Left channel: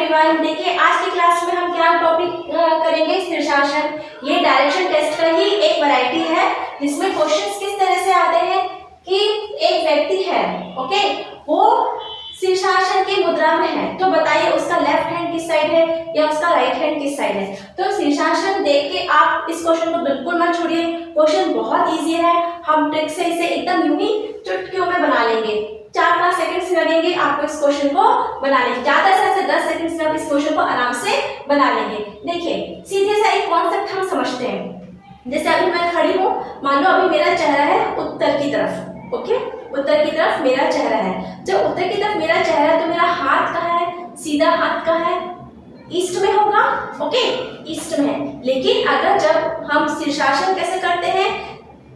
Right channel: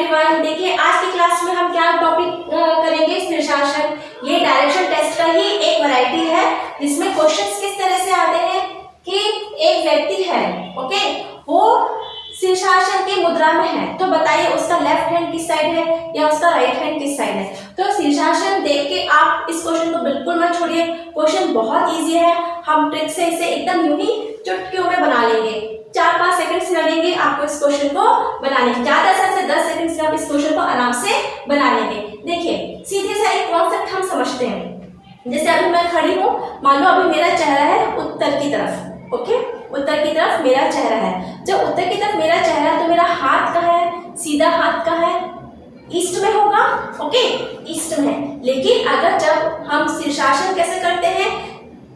Everyone, देखिए आज की क्लास में हम क्या टॉपिक करेंगे, शीर्षासन। ये डायरेक्शन टेस्ट का ही एक वैरायटी है जिसमें क्वेश्चंस किस तरह से आते हैं कि एक व्यक्ति है, ओके, वो शीर्षासन की मुद्रा में है, तो बताइए उसका लेफ्ट हैंड किस साइड है या उसका राइट हैंड किस साइड है। तो शीर्षासन देख के आप इस क्वेश्चन को बिल्कुल मत छोड़िए, क्वेश्चन बहुत इजी है। हम ट्रिक से इसे एकदम यूं ही चुटकियों में बना लेंगे। 4-5 सेकंड्स लगेंगे आपको इस क्वेश्चन को बनाने के, ज्यादा से 10 सेकंड्स में आप इस क्वेश्चन को आराम से बना लेंगे। देखिए सीधे सा एक कॉन्सेप्ट हम समझते हैं। जैसे अभी मैं खड़ी हूँ, मान लो अभी मेरा चेहरा है उत्तर की तरफ, ओके, उत्तर की तरफ मेरा चेहरा है। जब उत्तर की तरफ मेरा चेहरा है तो मेरा हाथ कहाँ है, सीधा हाथ कहाँ है, ईस्ट में होगा, ओके, ईस्ट में है। लेकिन अगर जब हम शीर्षासन कैसे करते हैं,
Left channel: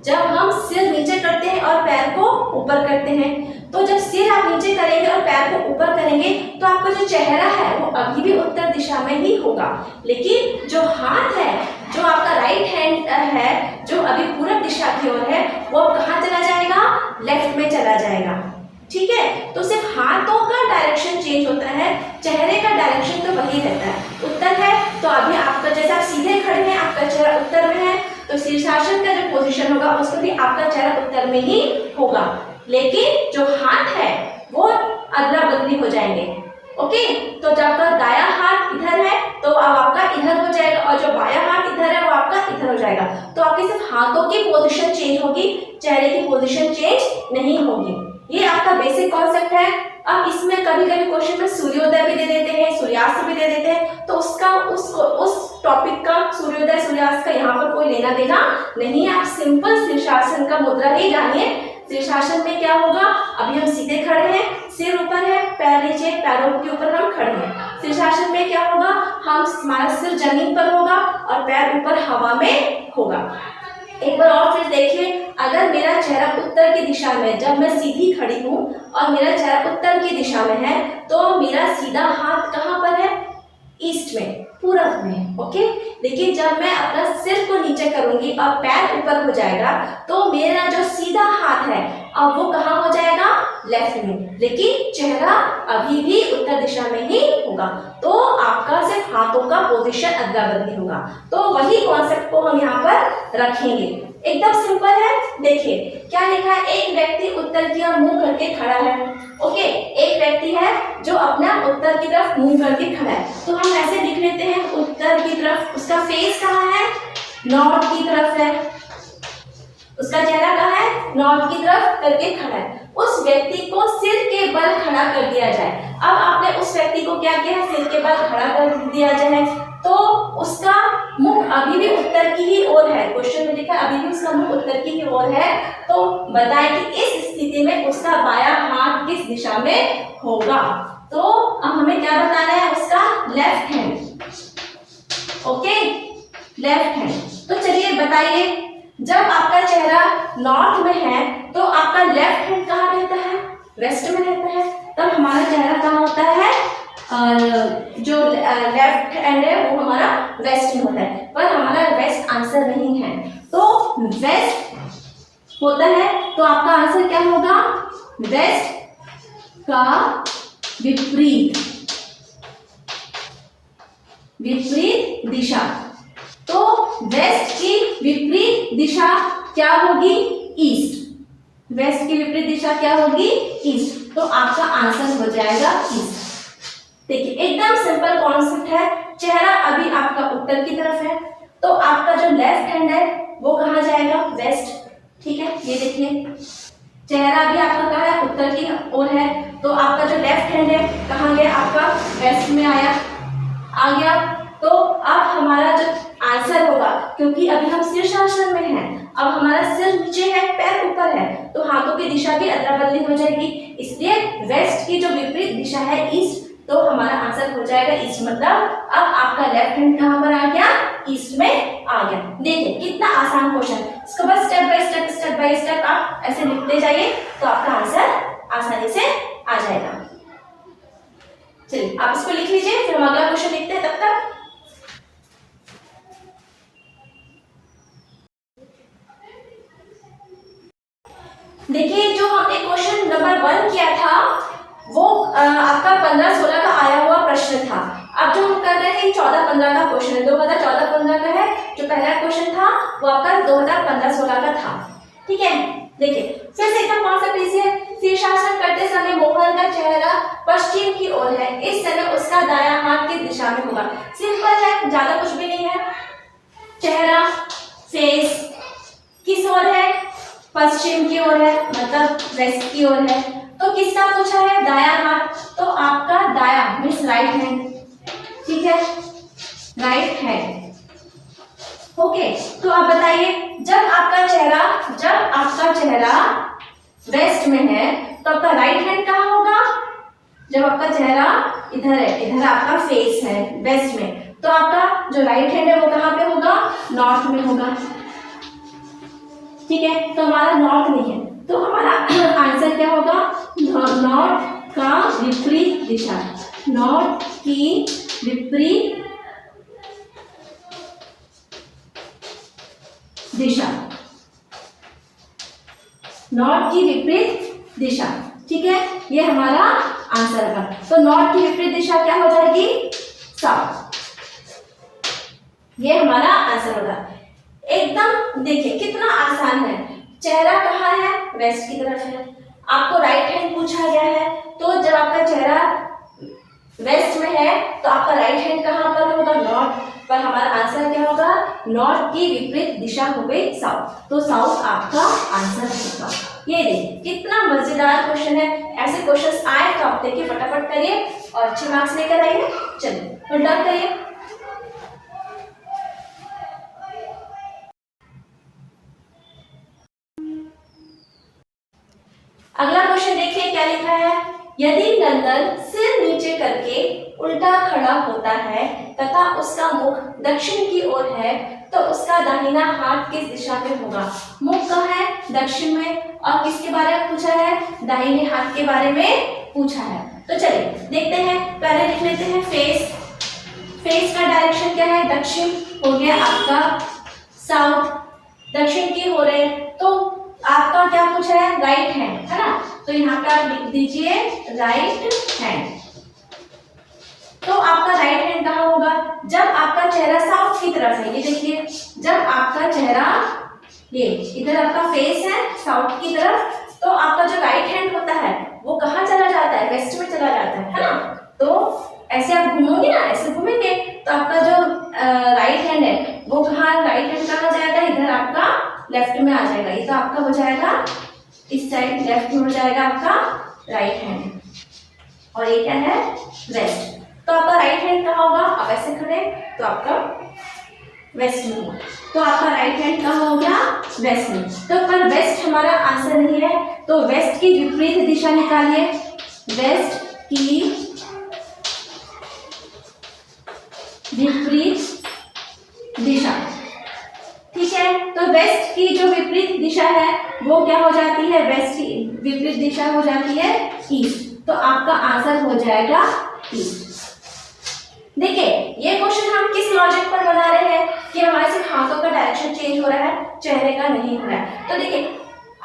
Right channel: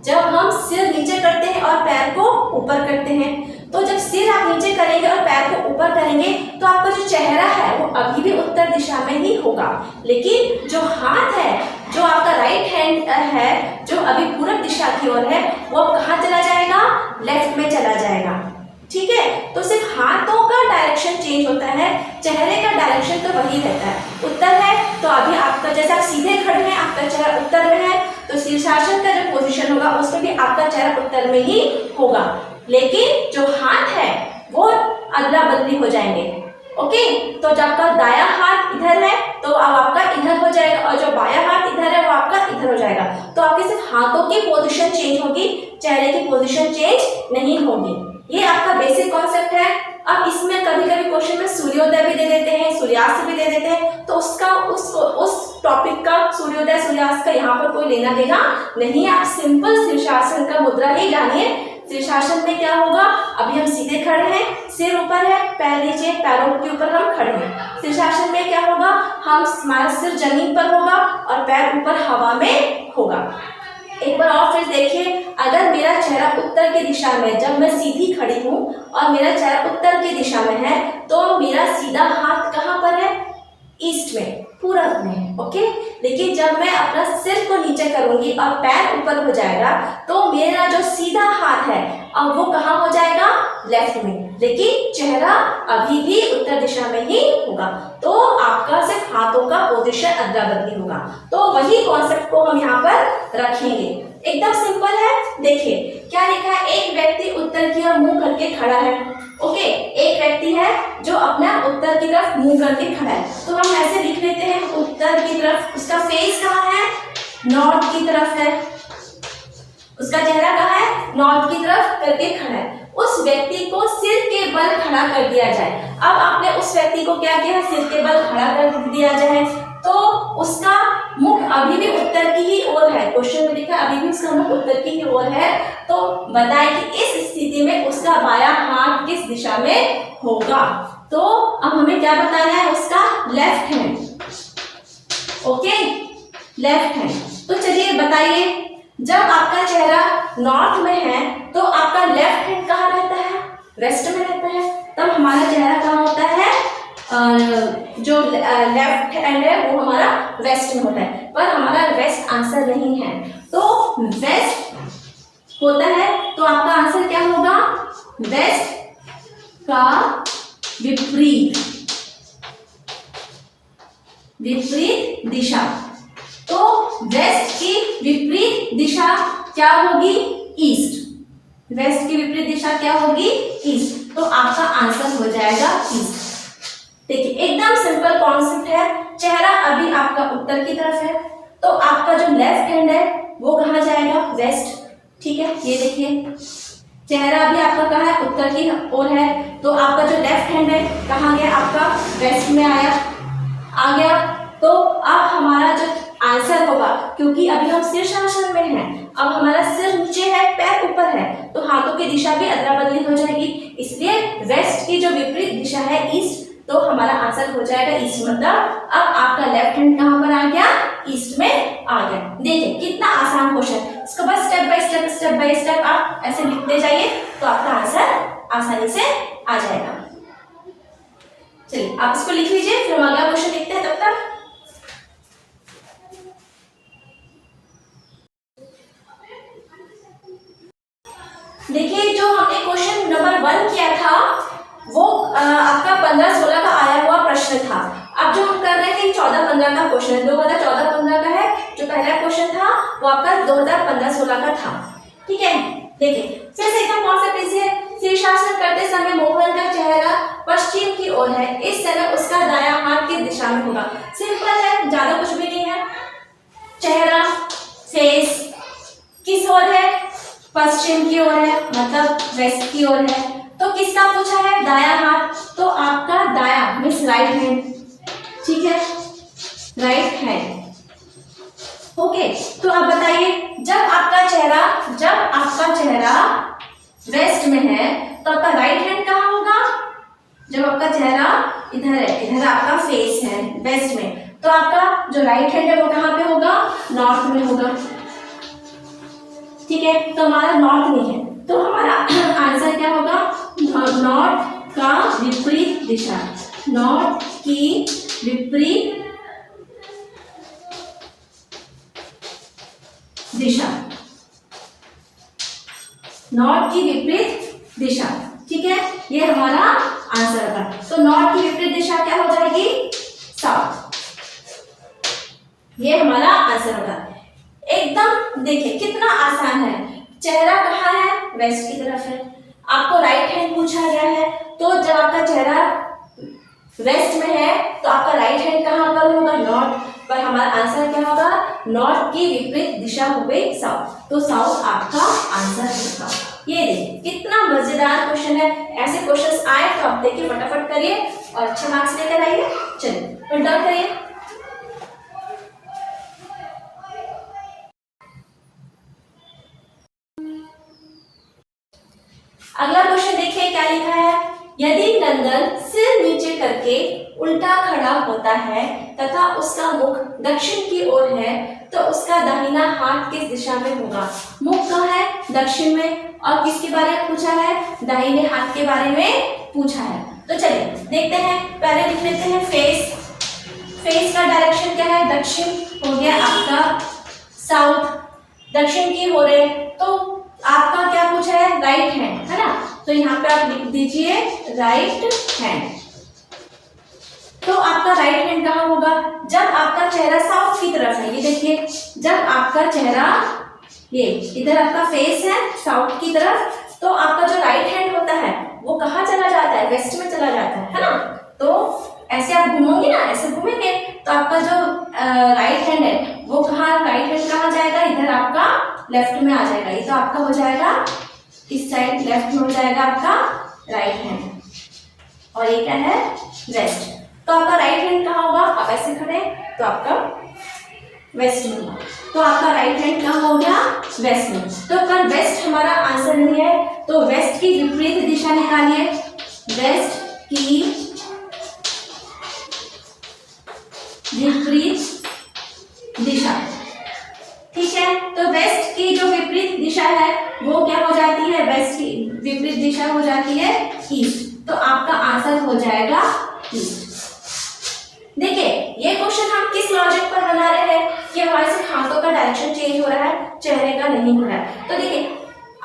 जब हम सिर नीचे करते हैं और पैर को ऊपर करते हैं, तो जब सिर आप नीचे करेंगे और पैर को ऊपर करेंगे तो आपका जो चेहरा है वो अभी भी उत्तर दिशा में ही होगा। लेकिन जो हाथ है, जो आपका राइट हैंड है, जो अभी पूरब दिशा की ओर है, वो अब कहाँ चला जाएगा, लेफ्ट में चला जाएगा। ठीक है, तो सिर्फ हाथों का डायरेक्शन चेंज होता है, चेहरे का डायरेक्शन तो वही रहता है। उत्तर है तो अभी आपका, जैसे आप सीधे खड़े हैं, आपका चेहरा उत्तर में है, तो शीर्षासन का जो पोजीशन होगा उसमें भी आपका चेहरा उत्तर में ही होगा। लेकिन जो हाथ है वो अदला बदली हो जाएंगे, ओके। तो जब आपका दायां हाथ इधर है तो अब आपका इधर हो जाएगा, और जो बायां हाथ इधर है वो आपका इधर हो जाएगा। तो आपके सिर्फ हाथों की पोजीशन चेंज होगी, चेहरे की पोजीशन चेंज नहीं होगी। ये आपका बेसिक कॉन्सेप्ट है। अब इसमें कभी कभी क्वेश्चन में सूर्योदय भी दे देते हैं, सूर्यास्त भी दे देते हैं, तो उसका उस टॉपिक का सूर्योदय सूर्यास्त का यहाँ पर कोई लेना देना नहीं है। आप सिंपल शीर्षासन का मुद्रा ही जानिए। शीर्षासन में क्या होगा, अभी हम सीधे खड़े हैं, सिर ऊपर है, पैर नीचे, पैरों के ऊपर हम खड़े हैं। शीर्षासन में क्या होगा, हमारा सिर जमीन पर होगा और पैर ऊपर हवा में होगा। एक बार और फिर देखिए, अगर मेरा चेहरा उत्तर की दिशा में, जब मैं सीधी खड़ी हूँ और मेरा चेहरा उत्तर की दिशा में है, तो मेरा सीधा हाथ कहाँ पर है, ईस्ट में, पूरब में, ओके। लेकिन जब मैं अपना सिर को नीचे करूंगी और पैर ऊपर हो जाएगा, तो मेरा जो सीधा हाथ है अब वो कहाँ हो जाएगा, लेफ्ट में। लेकिन चेहरा अभी भी उत्तर दिशा में ही होगा, तो आपका सिर्फ हाथों का पोजीशन अदला बदली होगा। तो वही कॉन्सेप्ट को हम यहाँ पर रखेंगे, एकदम सिंपल है। देखिए क्या लिखा है, एक व्यक्ति उत्तर की ओर मुंह करके खड़ा है, ओके, एक व्यक्ति है जो अपना उत्तर की तरफ मुंह करके खड़ा है। तो हम ऐसे लिख लेते हैं, उत्तर की तरफ, उसका फेस कहाँ है, नॉर्थ की तरफ है, उसका चेहरा कहाँ है, नॉर्थ की तरफ करके खड़ा है। उस व्यक्ति को सिर के बल खड़ा कर दिया जाए। अब आपने उस व्यक्ति को क्या किया है, सिर के बल खड़ा कर दिया जाए, तो उसका मुख अभी भी उत्तर की ही ओर है। क्वेश्चन में लिखा अभी भी उसका मुख उत्तर की ही ओर है। तो बताएं कि इस स्थिति में उसका बायां हाथ किस दिशा में होगा। तो अब हमें क्या बताना है, उसका left hand, okay, left hand. तो चलिए बताइए, जब आपका चेहरा नॉर्थ में है तो आपका लेफ्ट हैंड कहाँ रहता है, वेस्ट में रहता है। तब हमारा चेहरा कहाँ होता है, जो लेफ्ट हैंड है वो हमारा वेस्ट में होता है। पर हमारा वेस्ट आंसर नहीं है, तो वेस्ट होता है तो आपका आंसर क्या होगा, वेस्ट का विपरीत दिशा। तो वेस्ट की विपरीत दिशा क्या होगी, ईस्ट। वेस्ट की विपरीत दिशा क्या होगी, ईस्ट। तो आपका आंसर हो जाएगा ईस्ट। देखिए एकदम सिंपल कॉन्सेप्ट है। चेहरा अभी आपका उत्तर की तरफ है, तो आपका जो लेफ्ट हैंड है वो कहाँ जाएगा, वेस्ट, ठीक है। ये देखिए चेहरा अभी आपका कहाँ है, उत्तर की ओर है, तो आपका जो लेफ्ट हैंड है कहाँ गया, आपका वेस्ट में आ गया। तो अब हमारा जो आंसर होगा, क्योंकि अभी हम शीर्षासन में हैं, अब हमारा सिर नीचे है, पैर ऊपर है, तो हाथों की दिशा भी अदला बदली हो जाएगी। इसलिए वेस्ट की जो विपरीत दिशा है, ईस्ट, तो हमारा आंसर हो जाएगा ईस्ट। मतलब अब आपका लेफ्ट हैंड कहाँ पर आ गया, ईस्ट में आ गया। देखिए कितना आसान क्वेश्चन, इसको बस स्टेप बाय स्टेप आप ऐसे लिखते जाइए तो आपका आंसर आसानी से आ जाएगा। चलिए आप इसको लिख लीजिए, फिर हम अगला क्वेश्चन लिखते हैं। तब तक देखिए, जो हमने क्वेश्चन नंबर 1 किया था वो आपका 15-16 का आया हुआ प्रश्न था। 2014-15 का क्वेश्चन है, 2014-15 का है। जो पहला क्वेश्चन था वो आपका 2015-16 का था। ठीक है, देखिए फिर से एकदम कॉन्सेप्ट इजी है। शीर्षासन करते समय मोहन का चेहरा पश्चिम की ओर है, इस समय उसका दायां हाथ किस दिशा में होगा। सिंपल है, ज्यादा कुछ भी नहीं है। चेहरा फेस किस ओर है, पश्चिम की ओर है, मतलब वेस्ट की ओर है। तो किसका पूछा है, दायां हाथ, तो आपका दायां मीन्स राइट हैंड। ठीक है, राइट हैंड। ओके, तो आप बताइए, जब आपका चेहरा वेस्ट में है तो आपका राइट हैंड कहाँ होगा। जब आपका चेहरा इधर है, इधर आपका फेस है वेस्ट में, तो आपका जो राइट हैंड है वो कहाँ पे होगा, नॉर्थ में होगा। ठीक है, तो हमारा नॉर्थ में है, तो हमारा आंसर क्या होगा, नॉर्थ का विपरीत दिशा, नॉर्थ की विपरीत दिशा, नॉर्थ की विपरीत दिशा। ठीक है, ये हमारा आंसर था। तो नॉर्थ की विपरीत दिशा क्या हो जाएगी, साउथ। ये हमारा आंसर होगा। एकदम देखिए कितना आसान है। चेहरा कहाँ है, वेस्ट की तरफ है। आपको राइट हैंड पूछा गया है, तो जब आपका चेहरा वेस्ट में है तो आपका राइट हैंड कहाँ पर होगा, नॉर्थ पर। हमारा आंसर क्या होगा, नॉर्थ की विपरीत दिशा हो गई साउथ, तो साउथ आपका आंसर होगा। ये देखिए कितना मजेदार क्वेश्चन है। ऐसे क्वेश्चंस आए तो आप देखिए फटाफट करिए और अच्छे मार्क्स लेकर आइए। चलिए और डन करिए। अगला क्वेश्चन देखिए क्या लिखा है, यदि नंदन सिर नीचे करके उल्टा खड़ा होता है तथा उसका मुख दक्षिण की ओर है तो उसका दाहिना हाथ किस दिशा में होगा। मुख कहाँ है, दक्षिण में, और किसके बारे में पूछा है, दाहिने हाथ के बारे में पूछा है। तो चलिए देखते हैं, पहले लिख लेते हैं फेस। फेस का डायरेक्शन क्या है, दक्षिण हो गया आपका साउथ, दक्षिण की ओर है, तो आपका क्या पूछा है, राइट हैंड, है ना। तो यहाँ पे आप लिख दीजिए राइट हैंड। तो आपका राइट हैंड कहाँ होगा, जब आपका चेहरा साउथ की तरफ है। ये देखिए, जब आपका चेहरा ये इधर आपका फेस है साउथ की तरफ, तो आपका जो राइट हैंड होता है वो कहाँ चला जाता है, वेस्ट में चला जाता है ना। तो ऐसे आप घूमोगे ना, ऐसे घूमेंगे तो आपका जो राइट हैंड है वो कहाँ, राइट हैंड कहाँ जाएगा, इधर आपका लेफ्ट में आ जाएगा। ये तो आपका हो जाएगा इस साइड, लेफ्ट में हो जाएगा आपका राइट हैंड, और ये क्या है, वेस्ट। तो आपका राइट हैंड कहाँ होगा, आप ऐसे खड़े तो आपका वेस्ट में होगा, तो आपका राइट हैंड कहाँ हो गया, वेस्ट में। तो पर वेस्ट हमारा आंसर नहीं है, तो वेस्ट की विपरीत दिशा निकालिए, वेस्ट की विपरीत दिशा। ठीक है, तो वेस्ट की जो विपरीत दिशा है वो क्या हो जाती है, वेस्ट की विपरीत दिशा हो जाती है ईस्ट, तो आपका आंसर हो जाएगा ईस्ट। देखिए ये क्वेश्चन हम किस लॉजिक पर बना रहे हैं कि हमारे सिर्फ हाथों का डायरेक्शन चेंज हो रहा है, चेहरे का नहीं हो रहा है। तो देखिए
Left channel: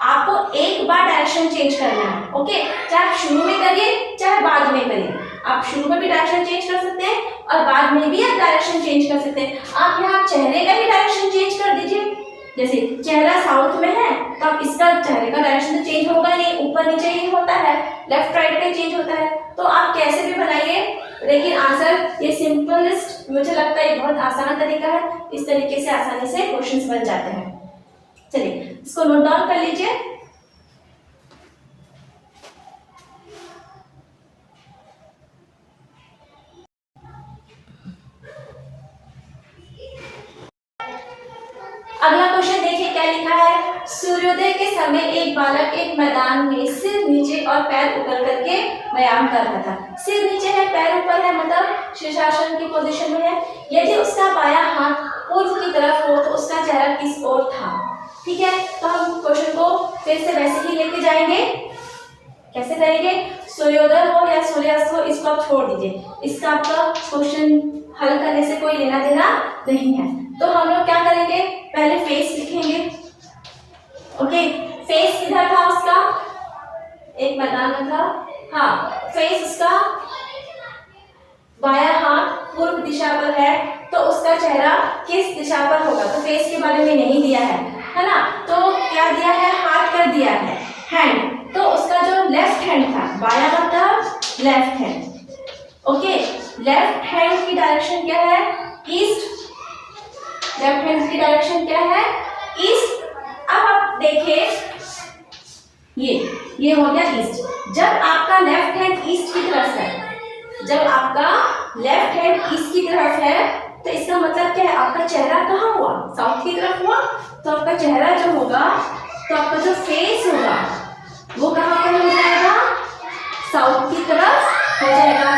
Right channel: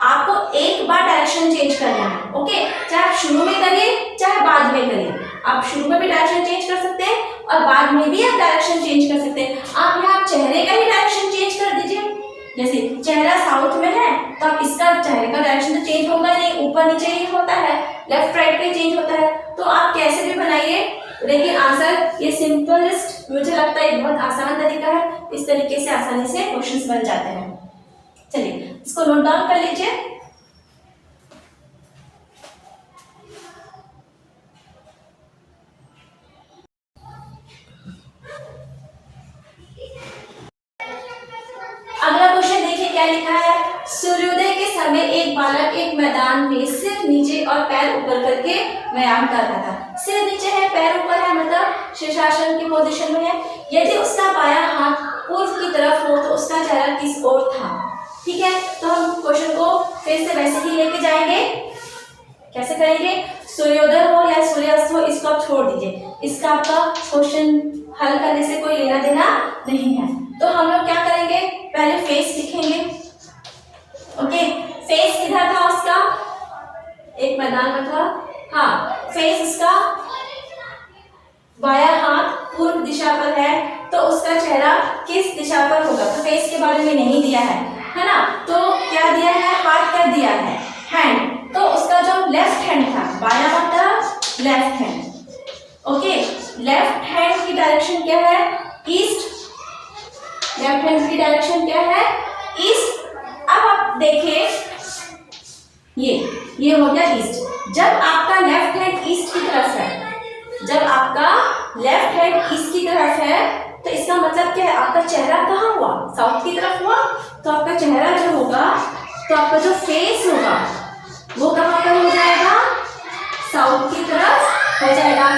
आपको एक बार डायरेक्शन चेंज करना है, ओके, चाहे आप शुरू में करिए चाहे बाद में करिए। आप शुरू में भी डायरेक्शन चेंज कर सकते हैं और बाद में भी आप डायरेक्शन चेंज कर सकते हैं। आप यहाँ चेहरे का ही डायरेक्शन चेंज कर दीजिए। जैसे चेहरा साउथ में है तो आप इसका चेहरे का डायरेक्शन तो चेंज होगा नहीं, ऊपर नीचे ही होता है, लेफ्ट राइट पे चेंज होता है। तो आप कैसे भी बनाइए, लेकिन आंसर ये सिंपलेस्ट, मुझे लगता है बहुत आसान तरीका है। इस तरीके से आसानी से क्वेश्चंस बन जाते हैं। चलिए इसको नोट डाउन कर लीजिए। अगला क्वेश्चन देखिए क्या लिखा है, सूर्योदय के समय एक बालक एक मैदान में सिर नीचे और पैर ऊपर करके व्यायाम कर रहा था। सिर नीचे है, पैर ऊपर है, मतलब शीर्षासन की पोजीशन में है। यदि उसका बायां हाथ पूर्व की तरफ हो तो उसका चेहरा किस ओर था। ठीक है, तो हम क्वेश्चन को फिर से वैसे ही लेके जाएंगे। कैसे करेंगे, सूर्योदय हो या सूर्यास्त हो इसको आप छोड़ दीजिए, इसका आपका क्वेश्चन हल करने से कोई लेना देना नहीं है। तो हम लोग क्या करेंगे, पहले फेस लिखेंगे। ओके, फेस किधर था उसका, एक मैदान में था, हाँ, फेस उसका बायां हाथ पूर्व दिशा पर है तो उसका चेहरा किस दिशा पर होगा, तो फेस के बारे में नहीं दिया है ना, तो क्या दिया है, हाथ कर दिया है, हैंड, तो उसका जो लेफ्ट हैंड था, बाया मतलब left hand, okay, left hand की डायरेक्शन क्या है, ईस्ट, लेफ्ट हैंड की डायरेक्शन क्या है, ईस्ट। अब आप देखिए ये हो गया ईस्ट। जब आपका लेफ्ट हैंड ईस्ट की तरफ है, जब आपका लेफ्ट हैंड ईस्ट की तरफ है तो इसका मतलब क्या है, आपका चेहरा कहाँ हुआ, साउथ की तरफ हुआ, तो आपका चेहरा जो होगा, तो आपका जो फेस होगा वो कहाँ पर हो जाएगा, साउथ की तरफ हो जाएगा।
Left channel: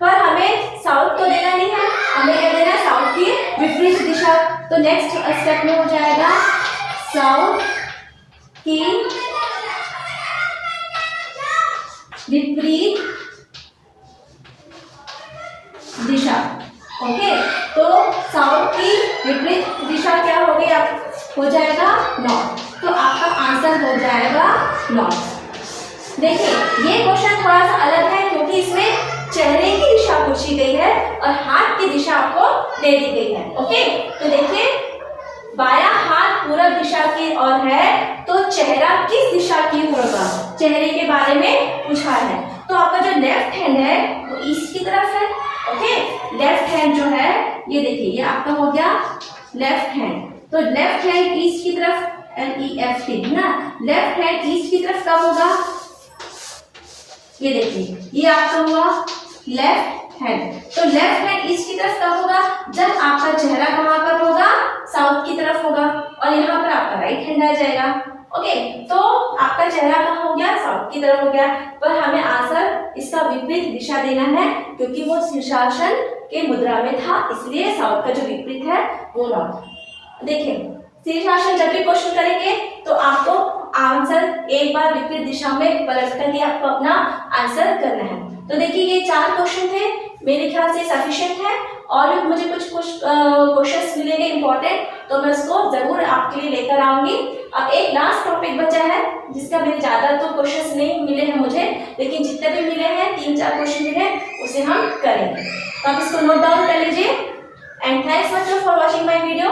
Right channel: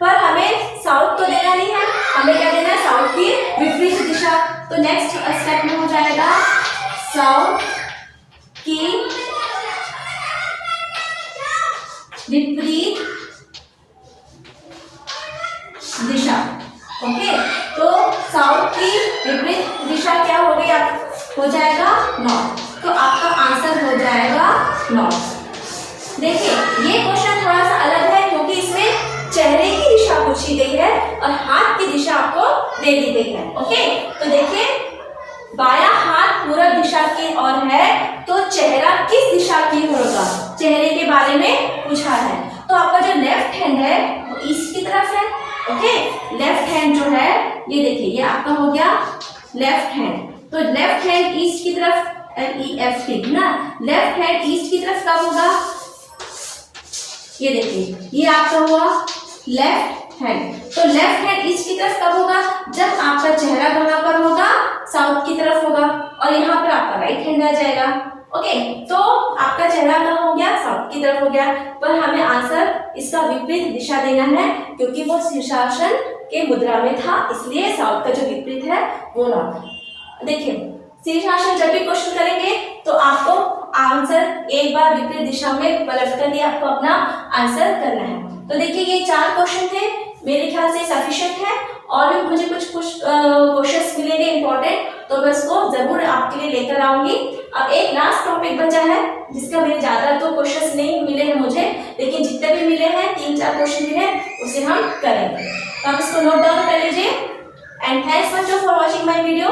पर हमें साउथ तो देना नहीं है, हमें क्या देना है, साउथ की विपरीत दिशा। तो नेक्स्ट स्टेप में हो जाएगा साउथ की विपरीत दिशा, ओके। तो साउथ की विपरीत दिशा क्या हो गई, हो जाएगा नॉर्थ, तो आपका आंसर हो जाएगा नॉर्थ। देखिए ये क्वेश्चन थोड़ा सा अलग है क्योंकि इसमें चेहरे की दिशा पूछी गई है और हाथ की दिशा आपको दे दी गई है, ओके। तो देखिए बायां हाथ पूर्व दिशा की ओर है तो चेहरा किस दिशा की ओर होगा, चेहरे के बारे में पूछा है। तो आपका जो लेफ्ट हैंड है वो ईस्ट की तरफ है, ओके। लेफ्ट हैंड जो है ये देखिए, ये आपका हो गया लेफ्ट हैंड, तो लेफ्ट हैंड ईस्ट की तरफ, LEFT ना, लेफ्ट हैंड ईस्ट की तरफ कब होगा, ये देखिए ये आपका हुआ लेफ्ट हैंड। तो लेफ्ट हैंड ईस्ट की तरफ कब होगा, जब आपका चेहरा कहाँ पर होगा, साउथ की तरफ होगा, और यहाँ पर आपका राइट हैंड आ जाएगा, ओके। तो आपका चेहरा कहाँ हो गया, साउथ की तरफ हो गया, पर हमें आंसर इसका विपरीत दिशा देना है क्योंकि वो शीर्षासन के मुद्रा में था, इसलिए साउथ का जो विपरीत है वो नॉर्थ। देखिए शीर्षासन जब भी क्वेश्चन करेंगे तो आपको आंसर एक बार विपरीत दिशा में पलट कर ही आपको अपना आंसर करना है। तो देखिए ये 4 क्वेश्चन थे, मेरे ख्याल से सफिशिएंट है, और भी मुझे कुछ क्वेश्चंस मिलेंगे इंपॉर्टेंट तो मैं उसको जरूर आपके लिए लेकर आऊंगी। अब एक लास्ट टॉपिक बचा है जिसका मेरे ज्यादा तो क्वेश्चंस नहीं मिले हैं मुझे, लेकिन जितने भी मिले हैं 3-4 क्वेश्चन मिले हैं उसे हम करेंगे, तो आप इसको नोट डाउन कर लीजिए। And thanks much for watching my video.